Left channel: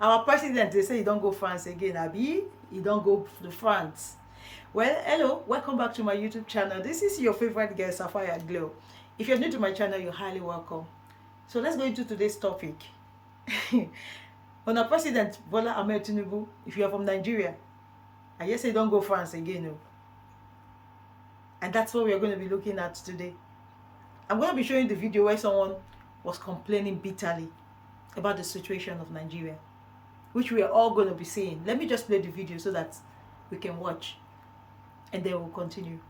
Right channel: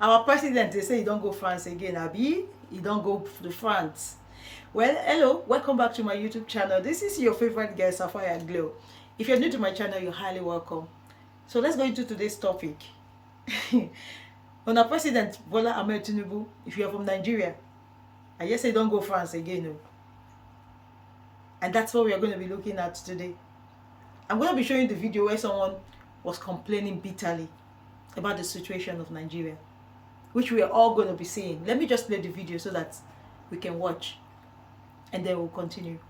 Our president, they say he don't go France again, Abi. He don't go to France. Well, hello, welcome back to my YouTube channel. This is your favorite girl, Sapphire Glow. If you're new to my channel, you're highly welcome. So let's go into today's topic. On our president, Bola Ahmed TINUBU, if you are from Nigeria, I just say don't go France again. No. And that's what we are going to be looking at today. I'm going to be showing you the video where someone was complaining bitterly about the situation of Nigeria, which we are all going to be seeing. Let me just play the video so that we can watch, and then we'll continue.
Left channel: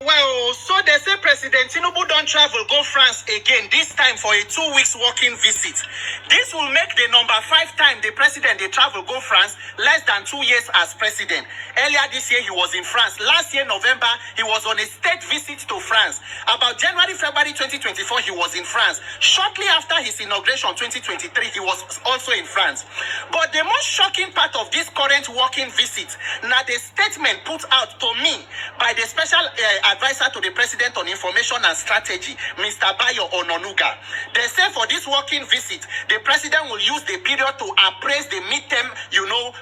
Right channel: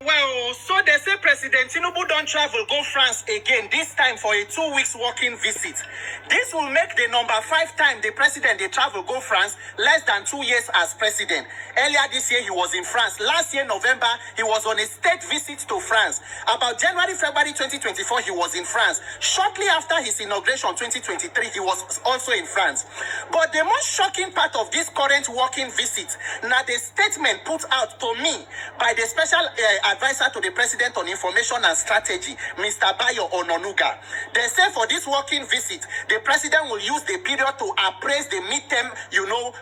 Well, so they say President TINUBU don't travel, go France again, this time for a 2 weeks working visit. This will make the number 5 time the president they travel, go France, less than 2 years as president. Earlier this year, he was in France. Last year, November, he was on a state visit to France. About January, February 2024, he was in France. Shortly after his inauguration, 2023, he was also in France. But the most shocking part of this current working visit, now the statement put out to me by the special advisor to the president on information and strategy, Mr. Bayo Ononuga. They say for this working visit, the president will use the period to appraise the midterm,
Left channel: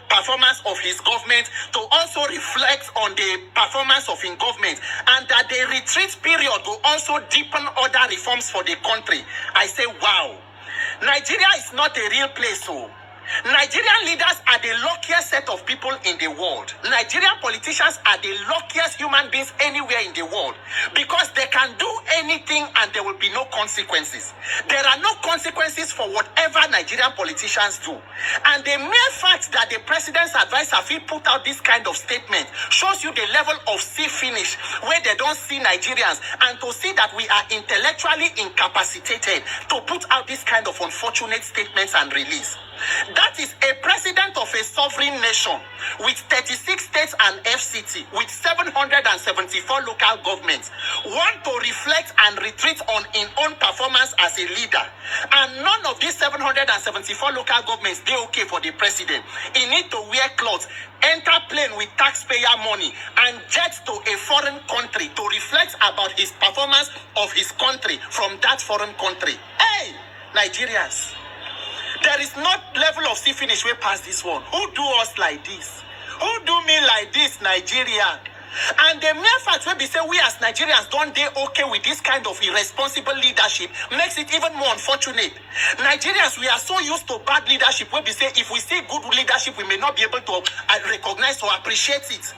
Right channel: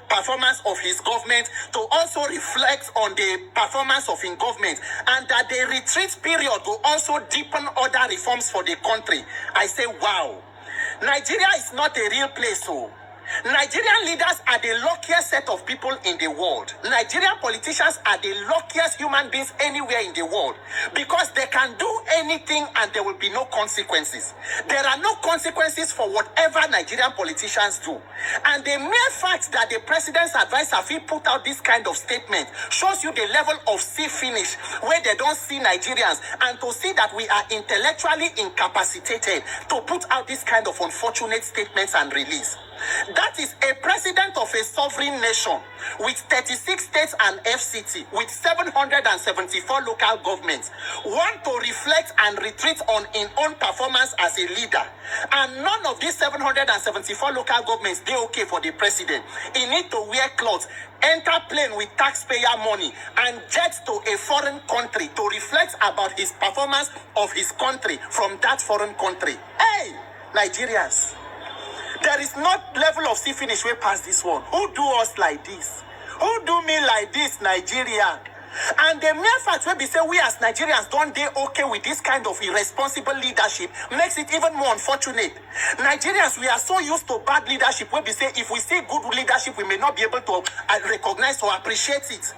performance of his government, to also reflect on the performance of his government, and that the retreat period will also deepen other reforms for the country. I say, wow. Nigeria is not a real place, so Nigerian leaders are the luckiest set of people in the world. Nigerian politicians are the luckiest human beings anywhere in the world, because they can do anything and there will be no consequences. There are no consequences for whatever Nigerian politicians do. And the mere fact that the president's advisor put out this kind of statement shows you the level of see finish where they don't see Nigerians, and to see that we are intellectually incapacitated to put out this kind of unfortunate statements and release. That is a president of a sovereign nation with 36 states and FCT, with 774 local governments, want to reflect and retreat on his own performance as a leader. And none of these 774 local governments, they okay for the president. He need to wear clothes, enter plane with taxpayer money, and jet to a foreign country to reflect about his performance of his country from that foreign country. Hey, Nigerians. There is not level of see finish way past this one. Who do us like this? Who do me like this, Nigeria? And the mere fact when we say we as Nigerians don't they okay with this kind of irresponsible leadership makes it even more unfortunate. Nigerians, we are so used to bad leadership when we say if we see good leadership, we may not be able to recognize or appreciate it.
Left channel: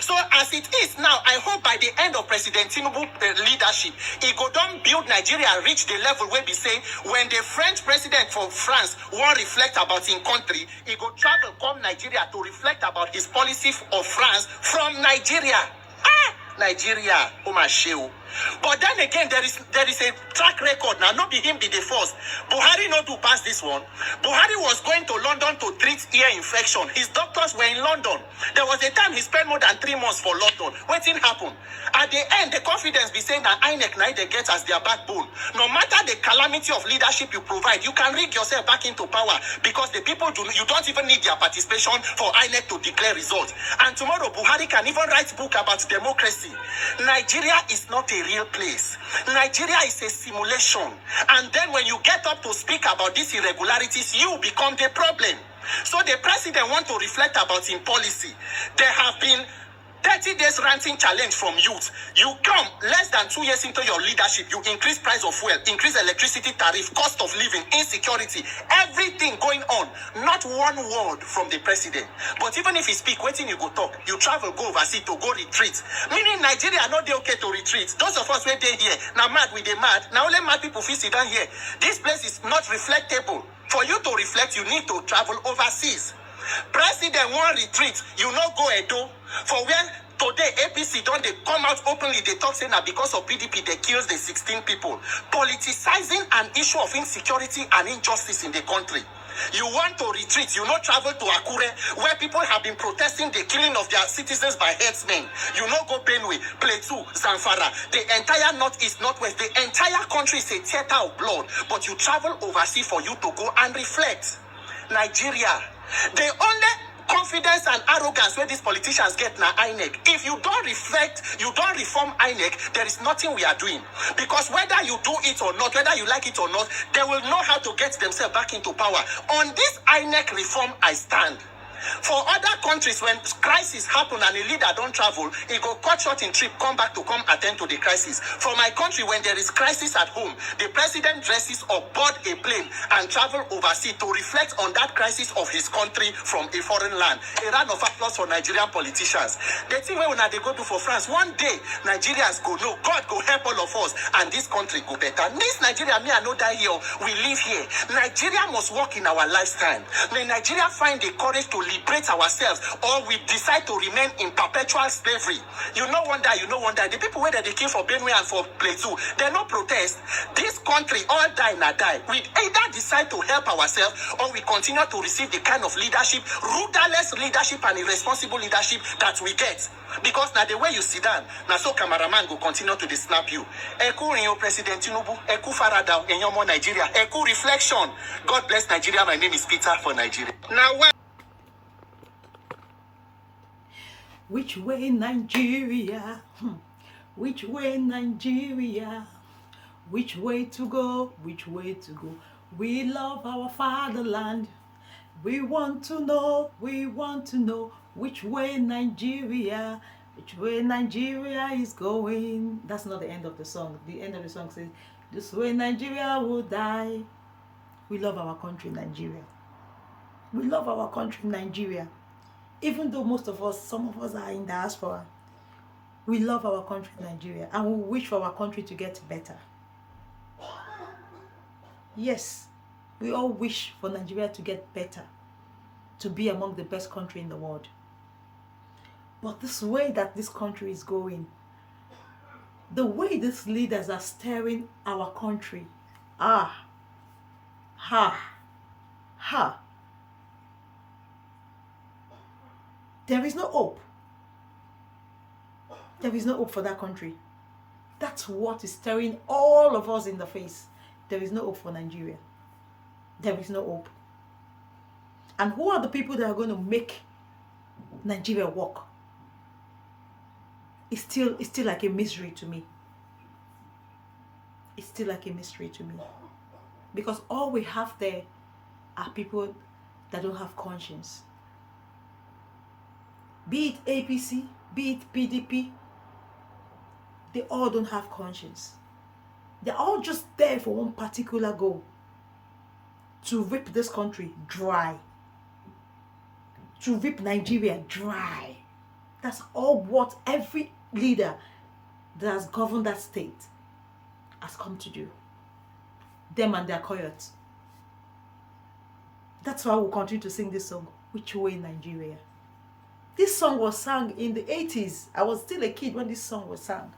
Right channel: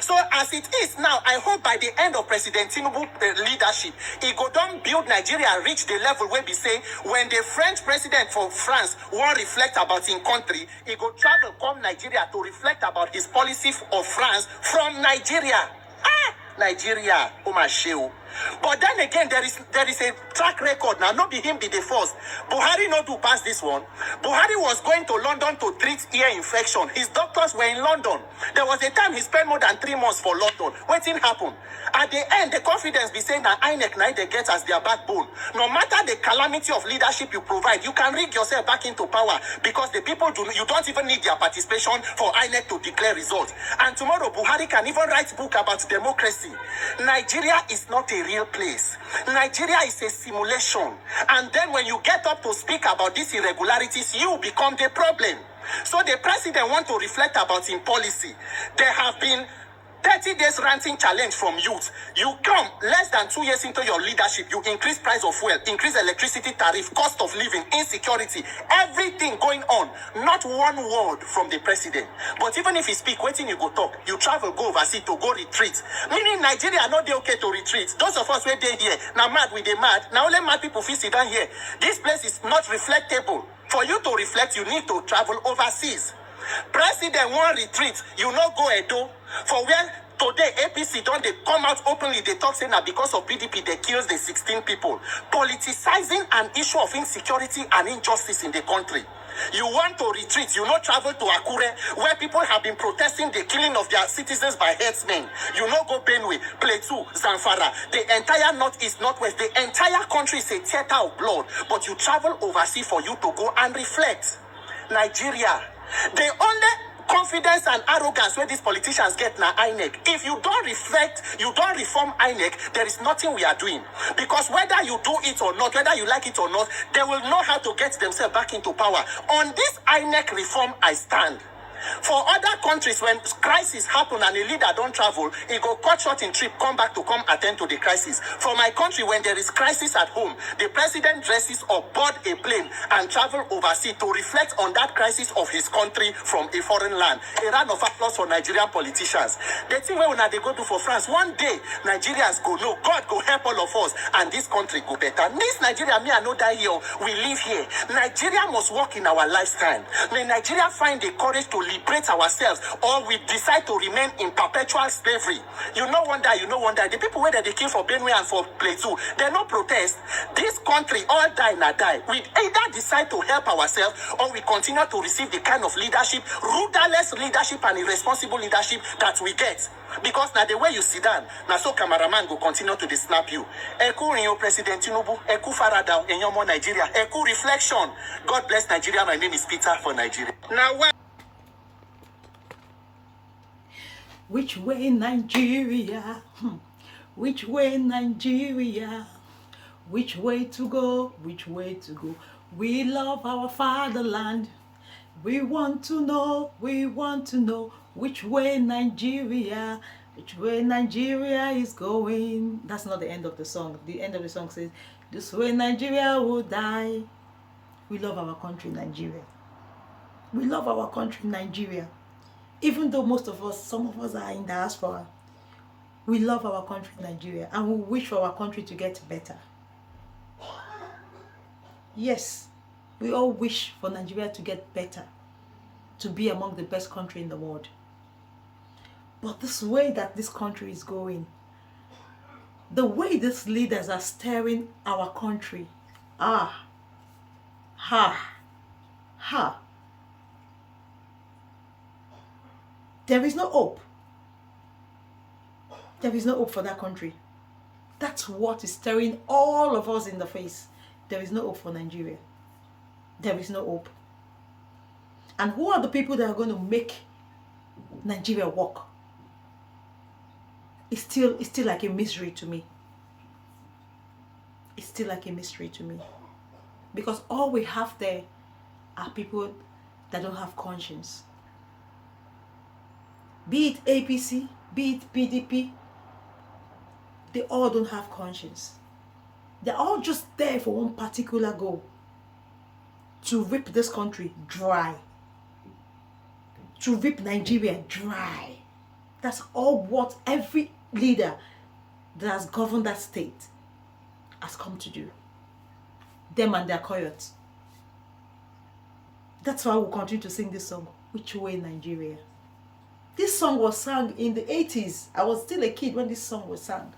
So as it is now, I hope by the end of President TINUBU leadership, he go down build Nigeria, reach the level where we say when the French president for France won't reflect about his country, he go travel come Nigeria to reflect about his policy of France from Nigeria. Nigeria, but then again, there is a track record. Now, not be him be the first. Buhari not to pass this one. Buhari was going to London to treat ear infection. His doctors were in London. There was a time he spent more than 3 months for London. What didn't happen? At the end, the confidence be saying that INEC now they get as their backbone. No matter the calamity of leadership you provide, you can rig yourself back into power, because the people you don't even need their participation for INEC to declare results. And tomorrow, Buhari can even write a book about democracy. Nigeria is not a real place. Nigeria is a simulation. And then when you get up to speak about these irregularities, you become the problem. So the president wants to reflect about his policy. There have been 30 days ranting challenge from youth. You come less than 2 years into your leadership, you increase price of fuel, increase electricity tariff, cost of living, insecurity, everything going on. Not one word from the president. But even if he speak, waiting you go talk. You travel, go overseas to go retreat. Meaning Nigeria not they okay to retreat. Those of us where they here, now mad with the mad. Now only mad people feel sit down here. This place is not reflectable. For you to reflect, you need to travel overseas. President won't retreat, you not go Edo. For where today APC don't they come out openly, they talk saying that because of PDP they kills the 16 people. Politicizing an issue of insecurity and injustice in the country. You want to retreat, you not travel to Akure, where people have been protesting the killing of their citizens by herdsmen. You not go Benue, Plateau, Zamfara, the entire northeast, northwest, the entire country is a theater of blood. But you travel overseas for you to go and reflect. Nigeria, the only confidence and arrogance where these politicians get na INEC. If you don't reflect, you don't reform INEC, there is nothing we are doing. Because whether you do it or not, whether you like it or not, they will know how to get themselves back into power. On this INEC reform, I stand. For other countries, when crisis happen and a leader don't travel, he go cut short in trip, come back to come attend to the crisis. For my country, when there is crisis at home, the president dresses or board a plane and travel overseas to reflect on that crisis of his country from a foreign land. A round of applause for Nigerian politicians. The thing when they go to for France, one day Nigerians go, no, God go help all of us and this country go better. This Nigeria, me, I know that here, we live here. Nigeria must work in our lifetime. May Nigeria find the courage to liberate ourselves, or we decide to remain in perpetual slavery. You no wonder. The people where they kill for Benue and for Plateau, they no protest. This country all die na die. We either decide to help ourselves, or we continue to receive the kind of leadership, rudderless leadership and irresponsible leadership that we get. Because now the way you sit down, now so cameraman go continue to snap you. Eku Rinyo President TINUBU, Eku Farada, Enyomo Nigeria, Eku Reflection. God bless Nigeria. My name is Peter for Nigeria. Now where? Which way, Nigeria? Which way, Nigeria? Which way to go? Which way to go? We love our fatherland. We want to know which way Nigeria, which way Nigeria is going. That's not the end of the song. The end of the song says, this way Nigeria will die. We love our country, Nigeria. We love our country, Nigeria. Even though most of us, some of us are in diaspora, we love our country, Nigeria, and we wish for our country to get better. Yes, we all wish for Nigeria to get better, to be among the best country in the world. But this way that this country is going, the way these leaders are steering our country, there is no hope. There is no hope for that country. That's what is staring all of us in the face. There is no hope for Nigeria. There is no hope. And who are the people that are going to make Nigeria work? It's still like a mystery to me. It's still like a mystery to me. Because all we have there are people that don't have conscience. Be it APC, be it PDP, they all don't have conscience. They're all just there for one particular goal. To rip this country dry. To rip Nigeria dry. That's all what every leader that has governed that state has come to do. Them and their coyotes. That's why we'll continue to sing this song, Which Way Nigeria? This song was sung in the 80s. I was still a kid when this song was sung.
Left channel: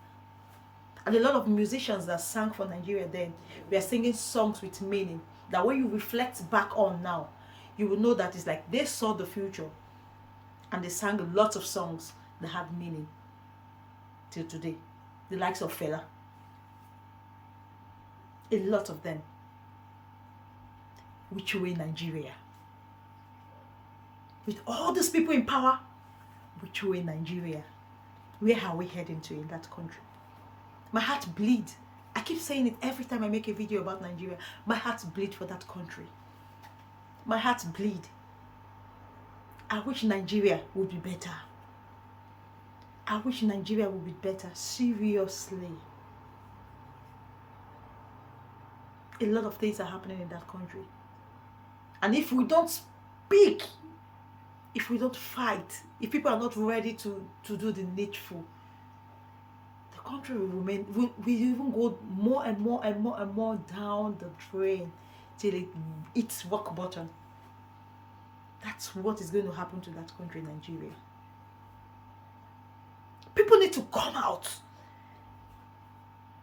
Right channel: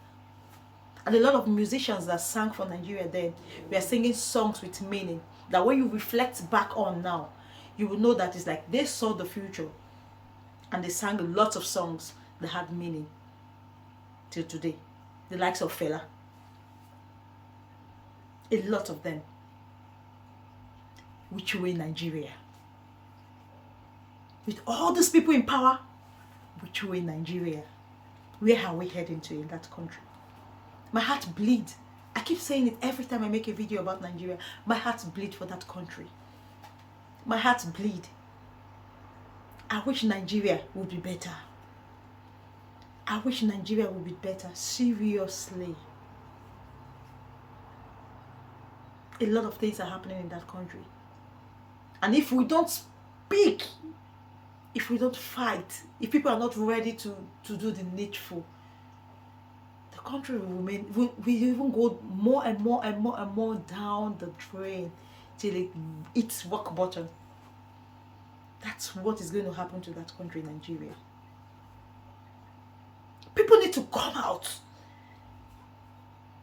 And a lot of musicians that sang for Nigeria then were singing songs with meaning. That when you reflect back on now, you will know that it's like they saw the future. And they sang a lot of songs that had meaning till today. The likes of Fela. A lot of them. Which way Nigeria? With all these people in power, which way Nigeria? Where are we heading to in that country? My heart bleeds. I keep saying it every time I make a video about Nigeria. My heart bleeds for that country. My heart bleeds. I wish Nigeria would be better. I wish Nigeria would be better. Seriously. A lot of things are happening in that country. And if we don't speak, if we don't fight, if people are not ready to do the needful, the country will remain, will even go more and more down the drain till it hits rock bottom. That's what is going to happen to that country, Nigeria. People need to come out.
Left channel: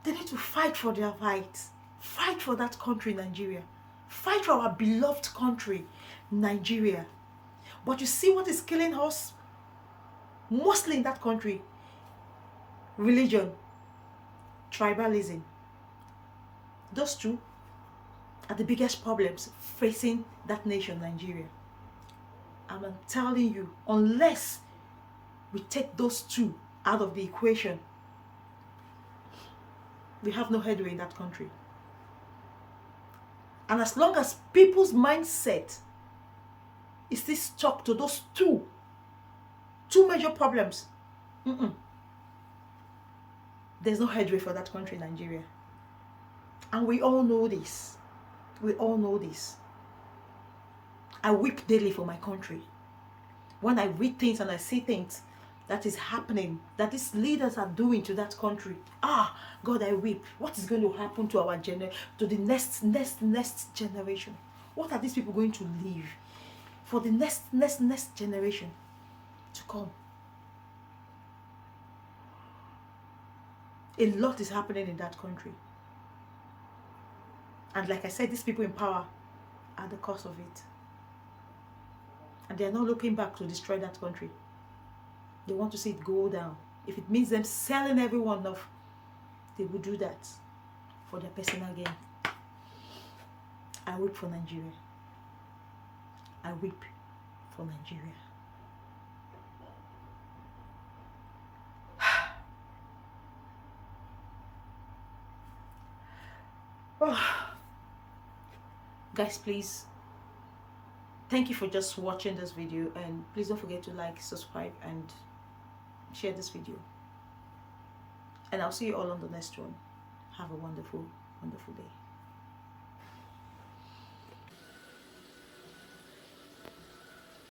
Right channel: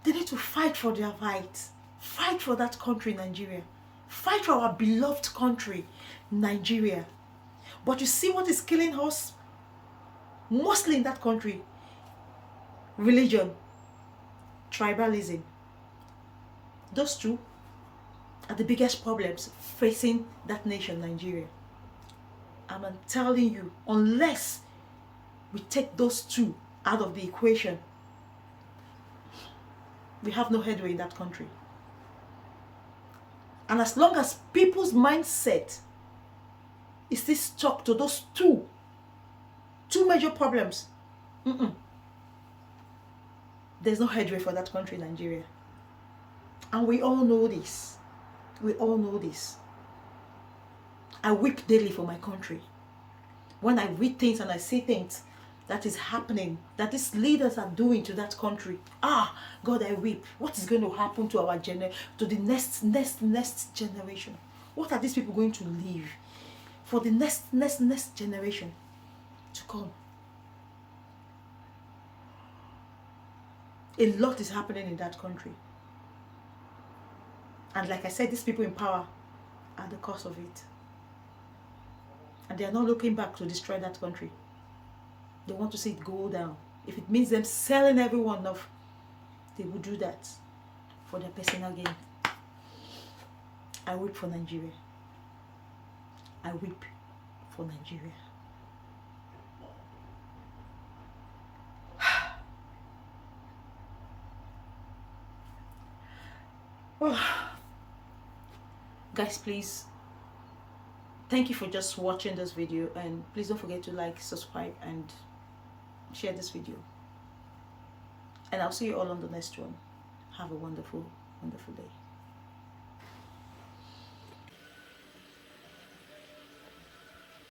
They need to fight for their rights. Fight for that country, Nigeria. Fight for our beloved country, Nigeria. But you see what is killing us? Mostly in that country. Religion. Tribalism. Those two are the biggest problems facing that nation, Nigeria. I'm telling you, unless we take those two out of the equation, we have no headway in that country. And as long as people's mindset is still stuck to those two major problems, there's no headway for that country, Nigeria. And we all know this. We all know this. I weep daily for my country. When I read things and I see things that is happening, that these leaders are doing to that country, God, I weep. What is going to happen to our to the next generation? What are these people going to leave for the next generation to come? A lot is happening in that country. And like I said, these people in power are the cause of it. And they are not looking back to destroy that country. They want to see it go down. If it means them selling everyone off, they will do that for their personal gain. I weep for Nigeria. I weep for Nigeria. Guys, please, thank you for just watching this video, and please don't forget to like, subscribe, and share this video. And I'll see you all on the next one. Have a wonderful, wonderful day.